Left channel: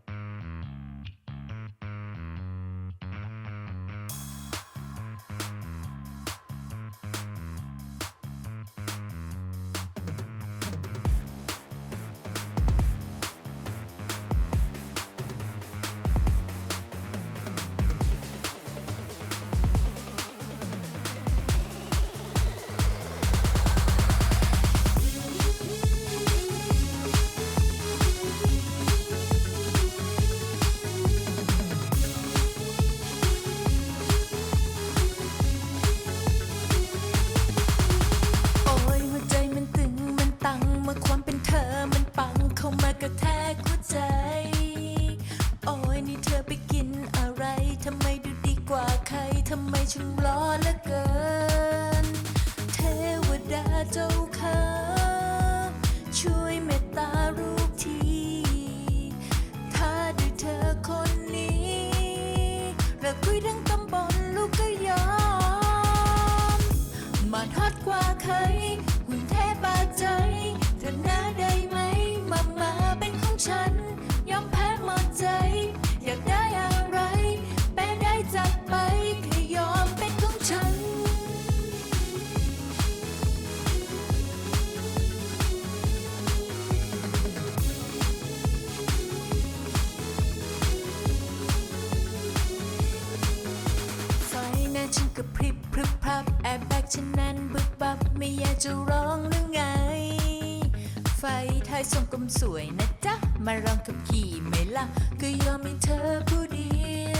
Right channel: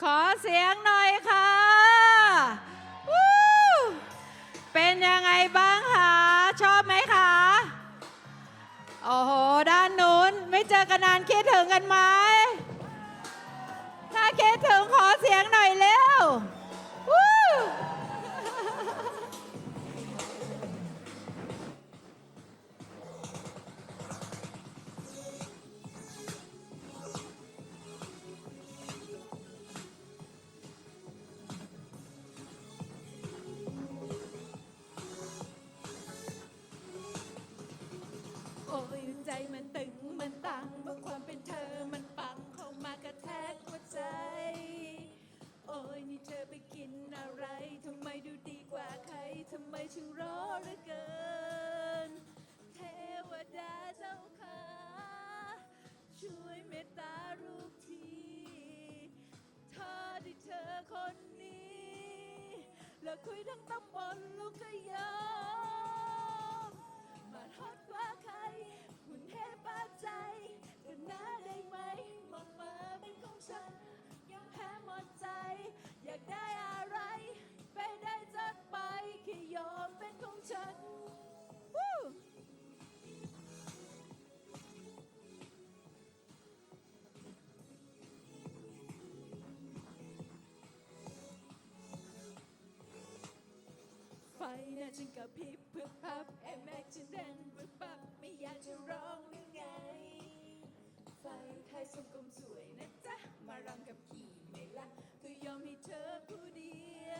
ขอเสียงหน่อย กระแทกหัวใจ โอ้ยนี่เธอไปกินอะไร ทำไมดูดีกว่าใคร ทำไมช่างล้อเหลือเกิน เทวดาเจ้าค่ะ ได้จัดไปแค่ยอมเป็นของฉัน ไฟหน้าฉันกระพริบพรึบพรับแอบแบกฉันนั้นบึบบับไม่อยากจะร้องหรือไง ไฟท้ายส่งกลมสวยนะจ๊ะ มาลองกับขี่ไหมล่ะ ก็ยอมให้เธอผู้เดียว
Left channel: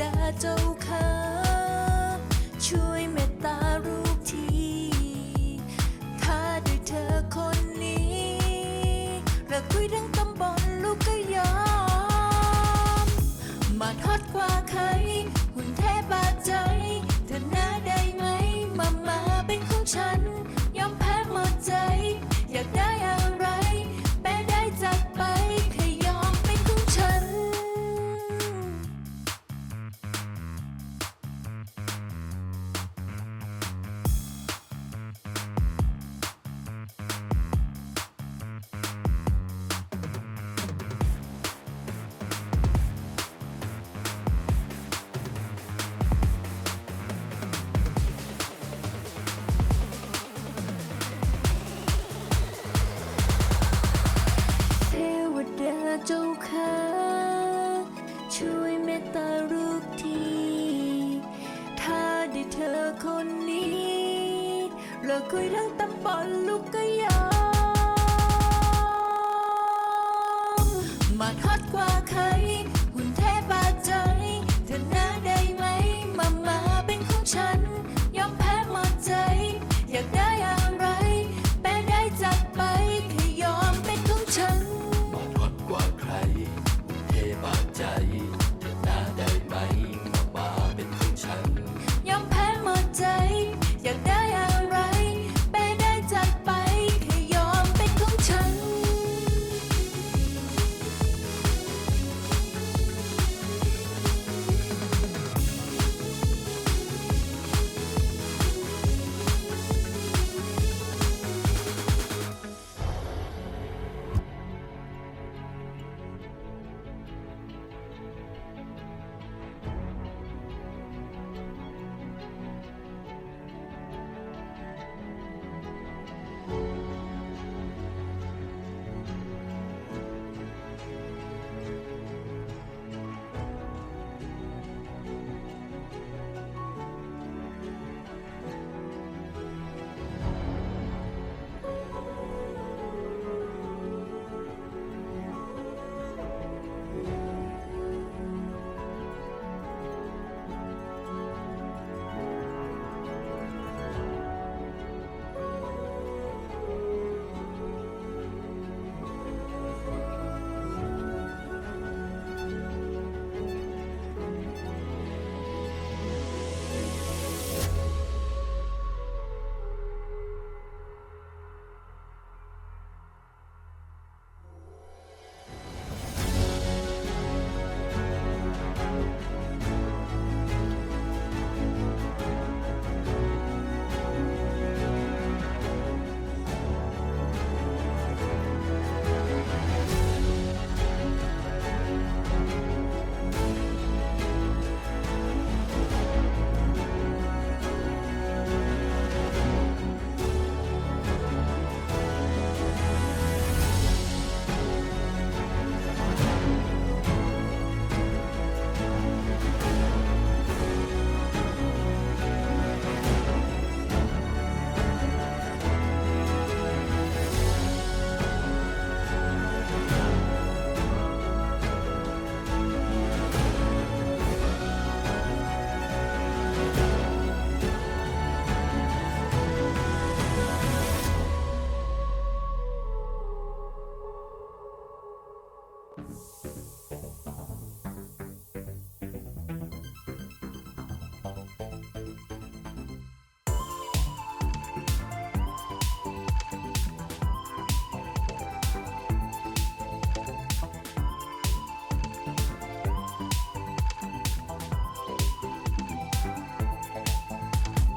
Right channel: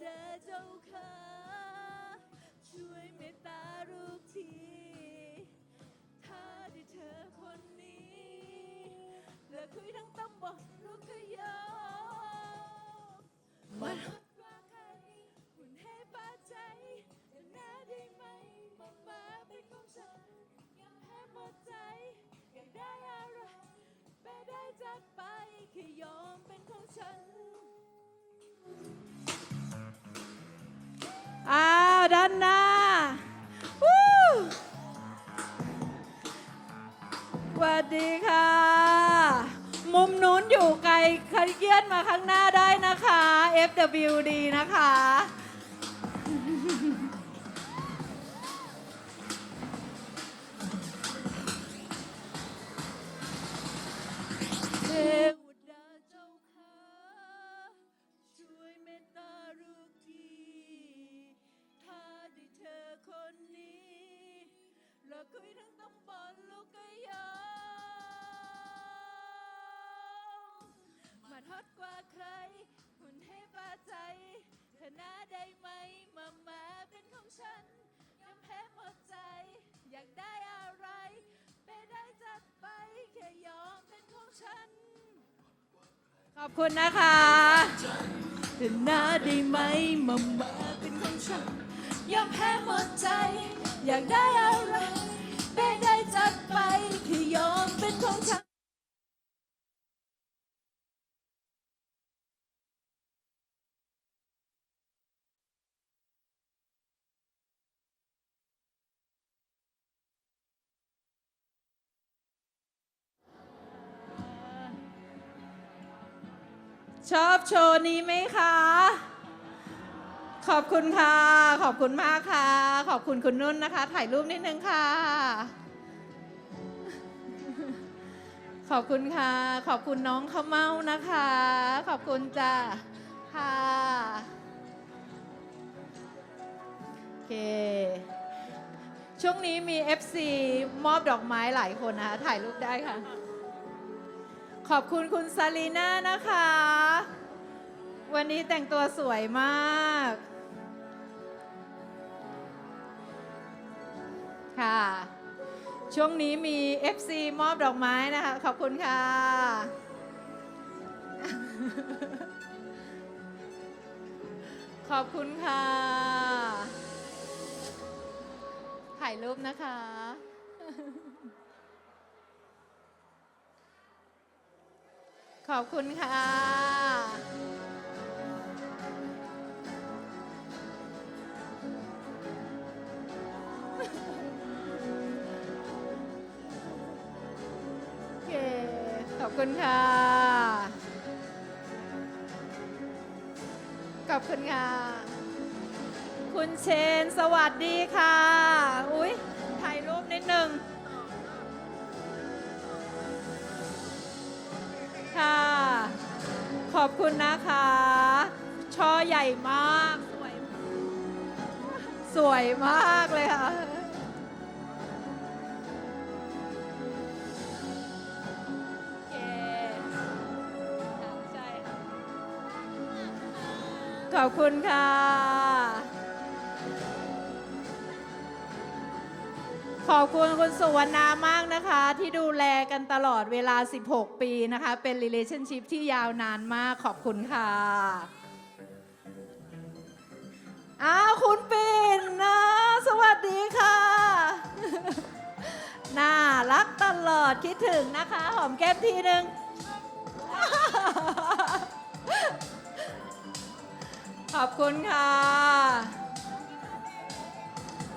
ดาเจ้าค่ะช่วยเมต ค่ะ มุมนู้นอยู่ไกลขยื่นมาข้างหน้าได้นะคะ FWD นะคะ เทวดาเจ้าค่ะ ช่วยเมตตาลูกที ถ้าได้เธอคนนี้เลิกคุยทั้งตำบลลูกก็ยอม มา ชอบโชว์นี้ไหมคะ ขอบคุณค่ะ ขอบคุณมากค่ะ ขอบคุณคุณนุ่นนะคะ ถ่ายรูปนิดนึงค่ะ ขอบคุณค่ะ ขอบคุณน้องข้าวเมานะคะ ขอบคุณจ้าค่ะโอเค ช่วงนี้มี FC มอบดอกไม้หลายคนนะคะถ่ายรูปได้ค่ะ ขอบคุณคุณซาลีน่านะคะ วันนี้แต่งตัวสวยมากค่ะ ช่วงนี้มี FC มอบดอกไม้นะคะ ขอบคุณค่ะ ขอบคุณค่ะ ถ่ายรูปนะคะ ขอบคุณค่ะ คุณนะคะ ช่อใหญ่มาก สวยมากเลยค่ะ ขอบคุณค่ะ ขอบคุณคุณสุวรรณา แลกันตลอดเวลา 16 ปีนะคะ เป็น relationship ที่ยาวนานมากขอบคุณค่ะอ้าวคุณปิ่นนะ สวัสดีค่ะ น่ารักตลอดคิดถึงนะคะ หอมแก้มทีหนึ่งขอบคุณค่ะ